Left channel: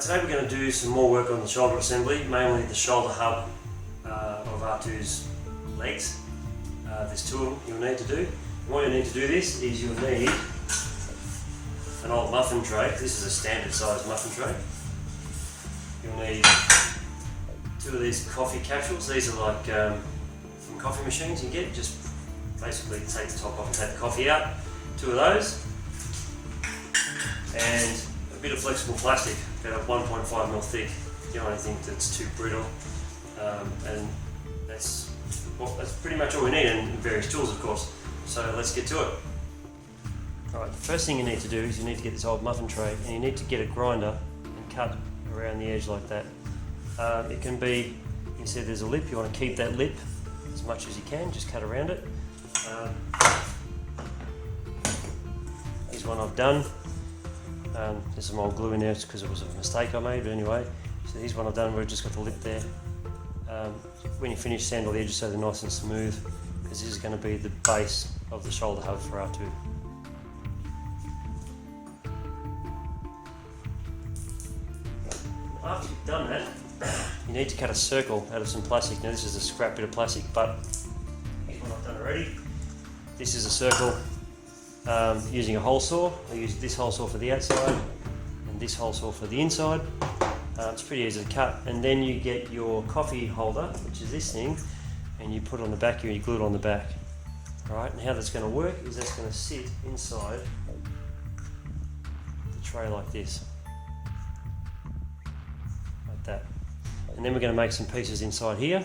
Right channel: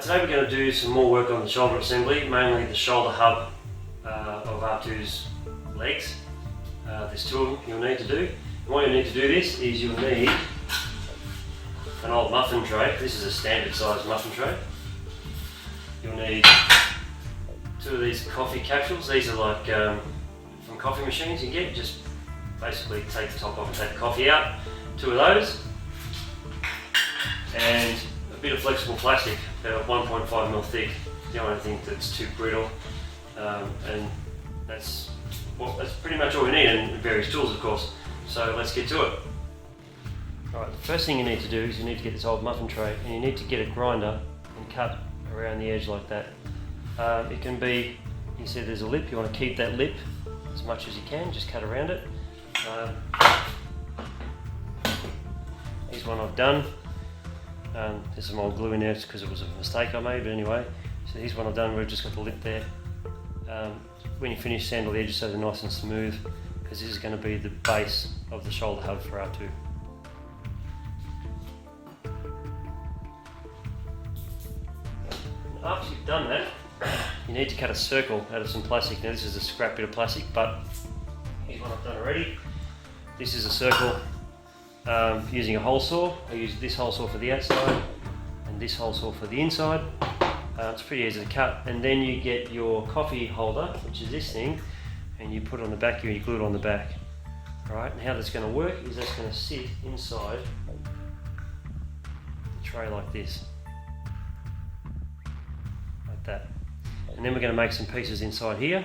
Today we're going to do some more work on the shoulder assembly, mainly the shoulder hub of R2's legs. There's two of them you'll need to do. And what you'll need to do this is you'll need an old muffin tray. This is a standard size muffin tray. You'll need two of these coffee capsules. These are like from coffee machines you get. Just basically take the top off, take the coffee out. Two of those. And a bit of flexible plastic, about 1.5mm thick. The only thing that's too brittle. And that's pretty much all we need, and various tools of course. So let's get to it. Alright, the first thing you need to do is you need to get this old muffin tray and you need to get a grinder and cut around the edge like that. It can be, you said there's a lip, you want to keep that lip as much as you can, just cut around it. Here's one I've done. There's some old glue in there because it was a mistake I made, but anyway. So here's what I've done, we've just got the lip there. When you finish, sandal the edges so they're nice and smooth, because this is going to be the base of the shoulder hub for R2. And after you've done that, you need to cut a circle out of some plastic. Now this is a scrap bit of plastic, but here's what I've done already. This is a circle using a hole saw. I use this hole saw for the outside, and this hole saw for the inside. It's pretty easy to cut, and then you get your coffee holder, which is this thing, and you put it on the back here and you glue it on the back. Alright, how that's going to work is that's going to sit inside the tray like this. Like that. And then we're going to make some pieces inside here,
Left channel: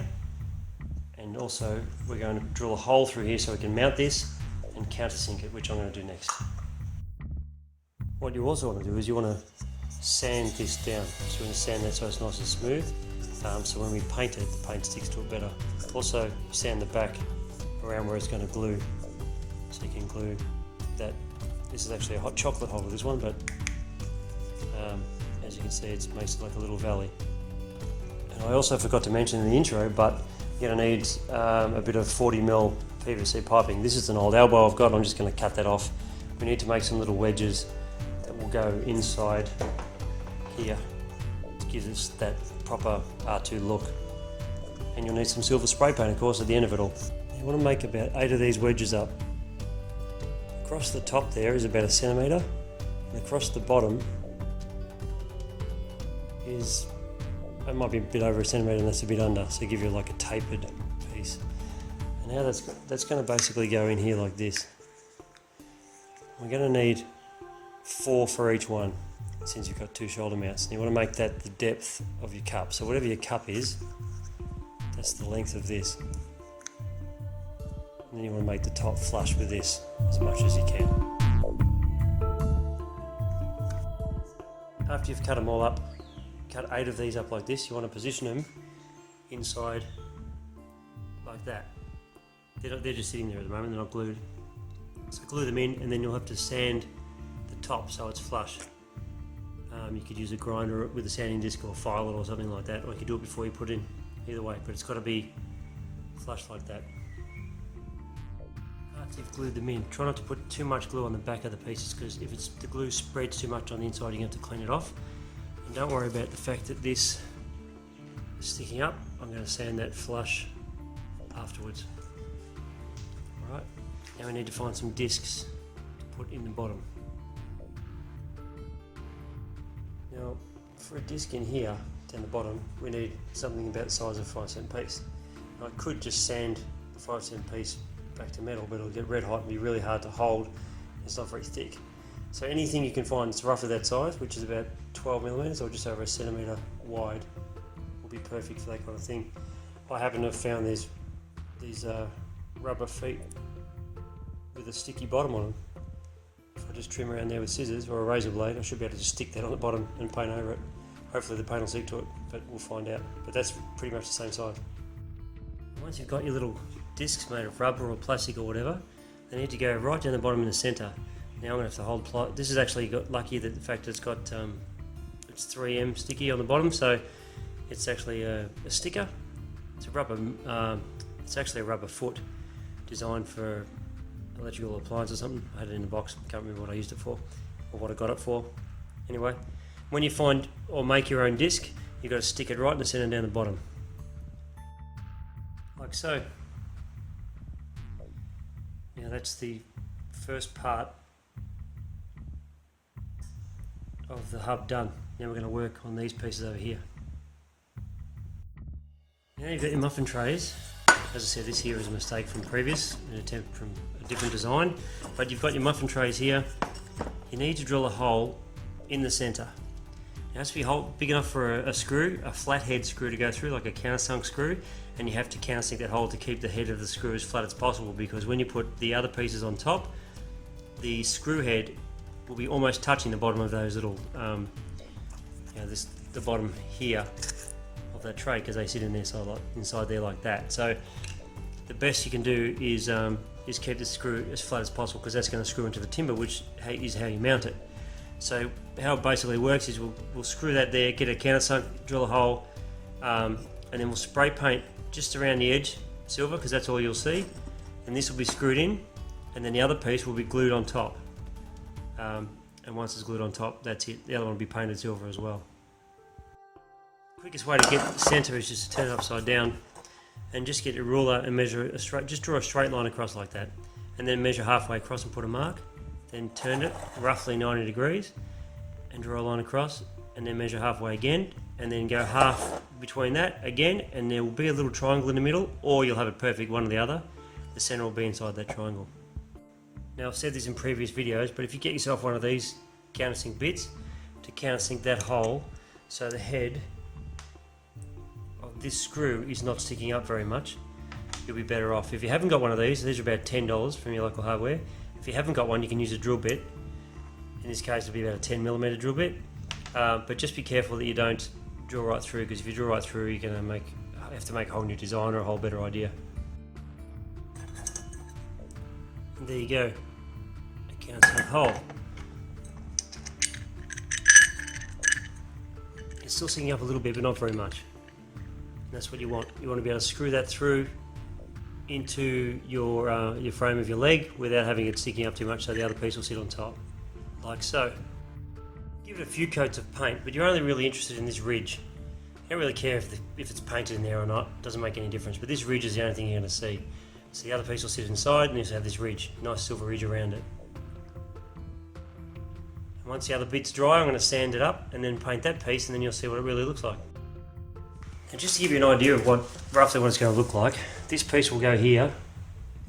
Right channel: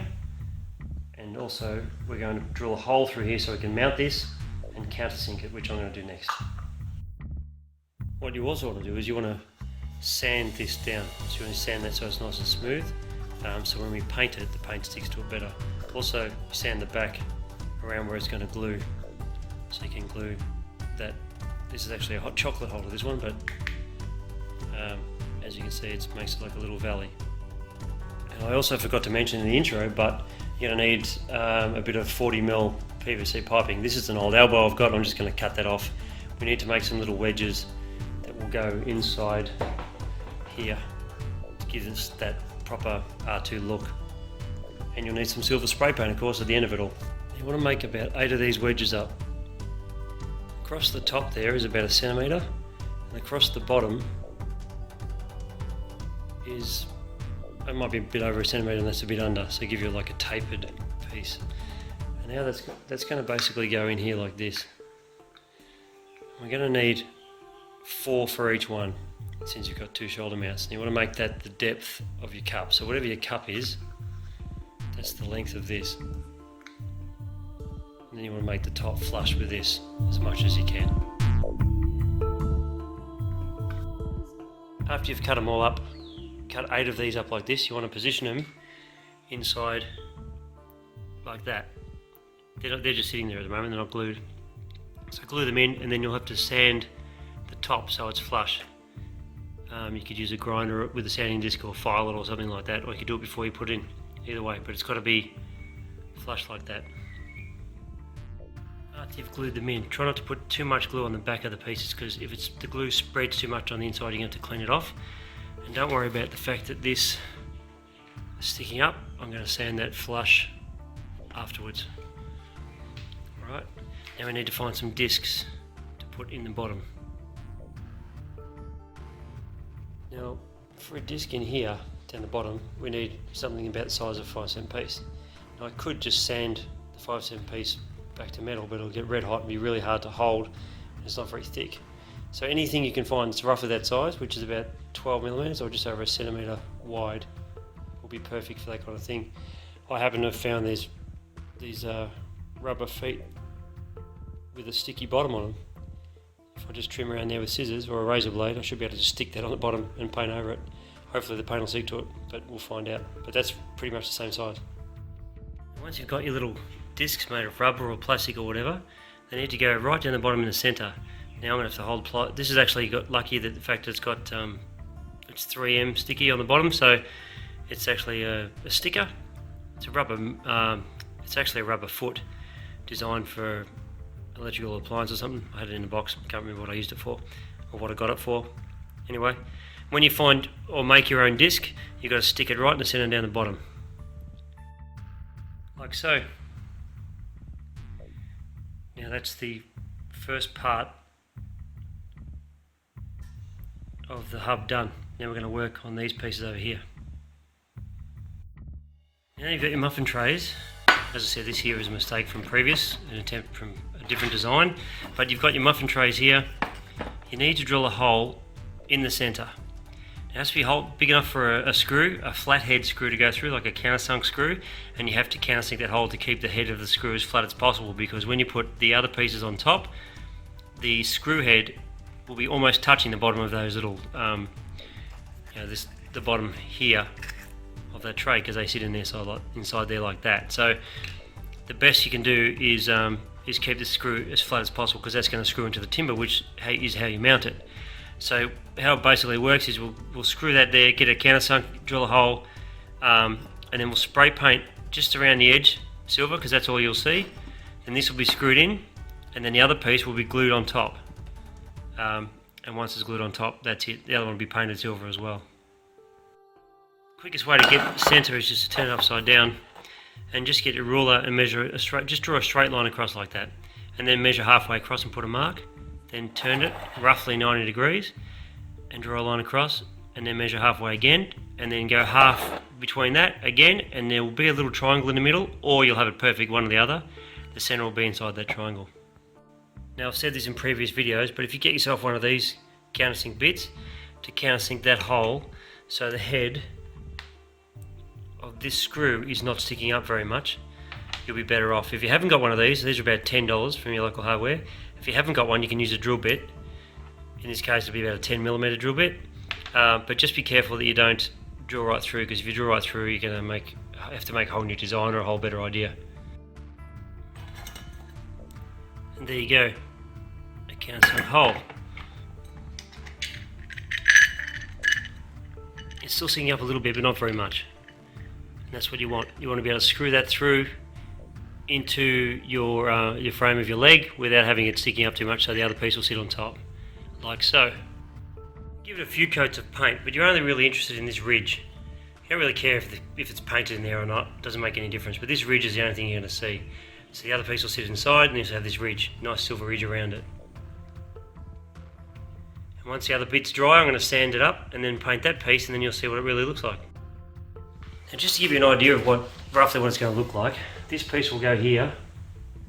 and also we're going to drill a hole through here so we can mount this and countersink it, which I'm going to do next. What you also want to do is you want to sand this down. So you want to sand that so it's nice and smooth. So when we paint it, the paint sticks to it better. Also, you sand the back around where it's going to glue. So you can glue that. This is actually a hot chocolate holder, this one, but as you can see, it makes it like a little valley. And I also forgot to mention in the intro, but you're going to need a bit of 40mm PVC piping. This is an old elbow I've got, and I'm just going to cut that off. We need to make some little wedges that will go inside here to give us that proper R2 look. And you'll need some silver spray paint, of course, at the end of it all. You want to make about 8 of these wedges up. Across the top there is about 1 centimetre, and across the bottom is, it might be a bit over 1 centimetre and that's a bit under, so give you like a tapered piece. And now that's going to basically go in here like this. We're going to need 4 for each one, since you've got 2 shoulder mounts. And you want to make that the depth of your cup. So whatever your cup is, that's the length of this. And then you want to make the top flush with this as much as you can. After you've cut them all up, cut 8 of these up like this, you want to position them inside like that. They're just sitting there at the moment, they're not glued. So glue them in, and then you'll have to sand the top so it's flush. You could use a grinder with a sanding disc or file it or something like that, or you could do it before you put it in, either way, but it's got to be flush like that. After you've glued them in, try not to put too much glue on the back of the pieces, because if the glue spreads too much on the inside, you're going to have to clean it off. And don't worry about the fact that this is sticking up. I'm going to sand that flush afterwards. Alright, now we need to find some discs to put in the bottom. For a disc in here, down the bottom, we need something about the size of 5/7 piece. Now, I could just sand the 5/7 piece back to metal, but it'll get red hot and be really hard to hold, and it's not very thick. So anything you can find that's roughly that size, which is about 12mm or just over 1 centimetre wide, will be perfect for that kind of thing. I happen to have found these rubber feet with a sticky bottom on them. If I just trim around there with scissors or a razor blade, I should be able to just stick that on the bottom and paint over it. Hopefully the paint will stick to it, but we'll find out. But that's pretty much the same size. Once you've got your little discs made of rubber or plastic or whatever, they need to go right down the bottom in the centre. Now I'm going to have to hold ply. This has actually got lucky that the fact that it's got it's 3M sticky on the bottom, so it's actually a sticker. It's a rubber. It's actually a rubber foot designed for electrical appliance or something. I had it in the box. Can't remember what I used it for or what I got it for. Anyway, when you find or make your own disc, you've got to stick it right in the centre down the bottom, like so. Now that's the first part of the hub done. Now we're going to work on these pieces over here. Now you've got your muffin trays. As I said, this here is a mistake from previous, an attempt from a different design, but you've got your muffin trays here. You need to drill a hole in the centre. It has to be a hole big enough for a screw, a flathead screw to go through, like a countersunk screw, and you have to countersink that hole to keep the head of the screw as flat as possible, because when you put the other pieces on top, the screw head will be almost touching the bottom of those little, the bottom here of that tray, because they sit in there inside there like that. So the best you can do is keep the screw as flat as possible, because that's going to screw into the timber, which is how you mount it. So how it basically works is we'll screw that there, get a countersunk, drill a hole, and then we'll spray paint just around the edge silver, because that's all you'll see, and this will be screwed in, and then the other piece will be glued on top, and once it's glued on top, that's it. The other one will be painted silver as well. Quickest way to get the centre is just to turn it upside down and just get your ruler and measure just draw a straight line across like that, and then measure halfway across and put a mark, then turn it roughly 90 degrees and draw a line across, and then measure halfway again, and then go half between that again, and there will be a little triangle in the middle, or you'll have it perfect, one or the other. The centre will be inside that triangle. Now I've said this in previous videos, but if you get yourself one of these countersink bits to countersink that hole so the head of this screw is not sticking up very much, you'll be better off. If you haven't got one of these are about $10 from your local hardware. If you haven't got one, you can use a drill bit. In this case it'll be about a 10mm drill bit, but just be careful that you don't drill right through, because if you drill right through you're going to have to make a whole new design or a whole better idea. And there you go, a countersunk hole. It's still sticking up a little bit, but not very much. And that's what you want. You want to be able to screw that through into your frame of your leg without having it sticking up too much, so the other piece will sit on top, like so. Give it a few coats of paint, but you're only really interested in this ridge. You don't really care if it's painted in there or not, it doesn't make any difference, but this ridge is the only thing you're going to see. So the other piece will sit inside, and you just have this ridge, nice silver ridge around it. And once the other bit's dry, I'm going to sand it up and then paint that piece, and then you'll see what it really looks like. And just to give you an idea of roughly what it's going to look like, this piece will go here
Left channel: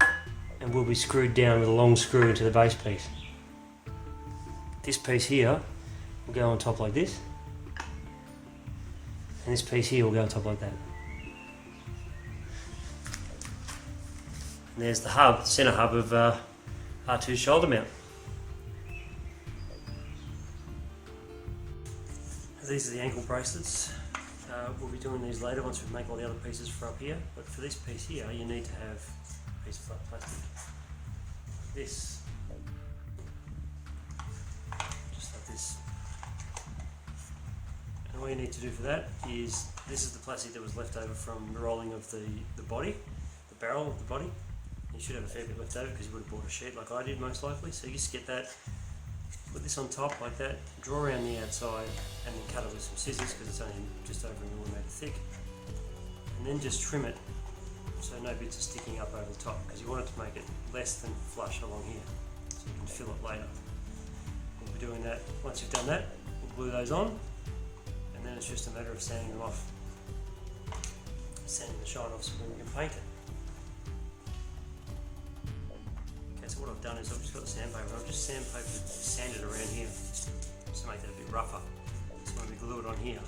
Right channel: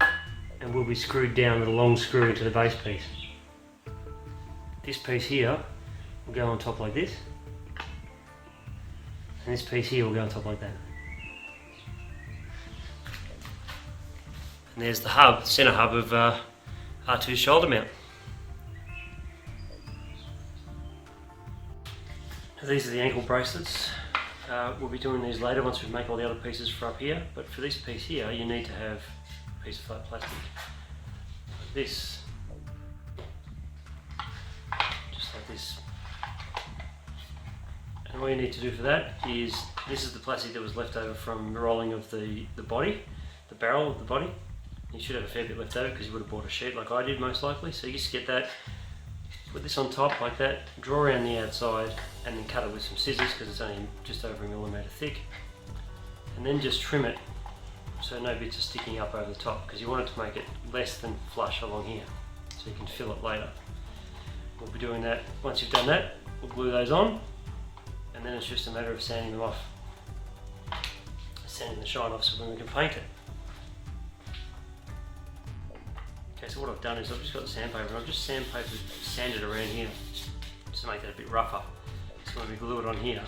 and will be screwed down with a long screw to the base piece. This piece here will go on top like this, and this piece here will go on top like that. And there's the hub, the centre hub of R2's shoulder mount. Now these are the ankle bracelets. We'll be doing these later once we make all the other pieces for up here, but for this piece here you need to have a piece of flat plastic like this, just like this. And all you need to do for that is, this is the plastic that was left over from the rolling of the body, the barrel of the body. You should have a fair bit left over because you would have bought a sheet like I did most likely, so you just get that, put this on top like that, draw around the outside, and then cut it with some scissors because it's only just over 1mm thick, and then just trim it so no bits are sticking up over the top, because you want it to make it less than flush along here so you can fill it later. We'll be doing that. Once you've done that, we'll glue those on, and then it's just a matter of sanding them off, sanding the shine off so then we can paint it. Okay, so what I've done is I've just got the sandpaper, I've just sanded around here just to make that a bit rougher. So when we glue it on here,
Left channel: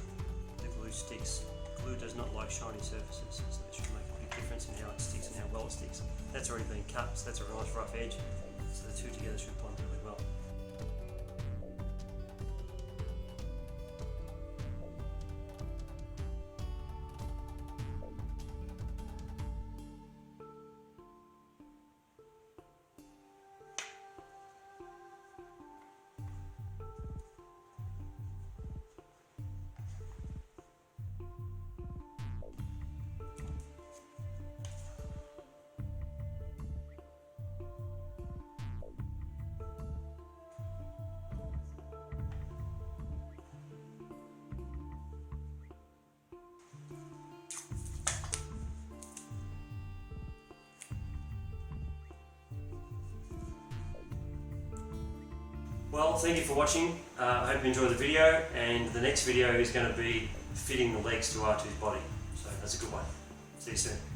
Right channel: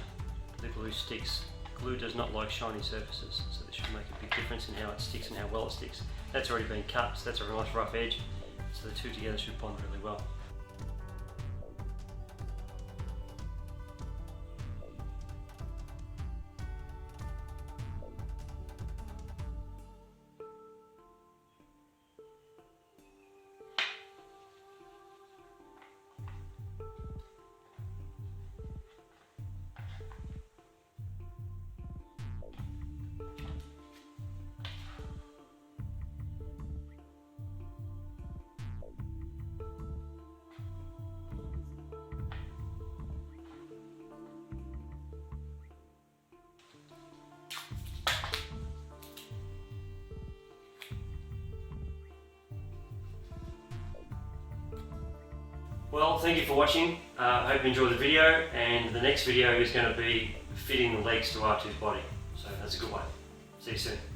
the glue sticks. Glue does not like shiny surfaces, so it should make a big difference in how it sticks and how well it sticks. That's already been cut, so that's a nice rough edge, so the two together should bond really well. Well, thank you for watching. I hope you enjoyed the video, and the next video is going to be fitting the legs to R2's body. So that's a good one. See you soon.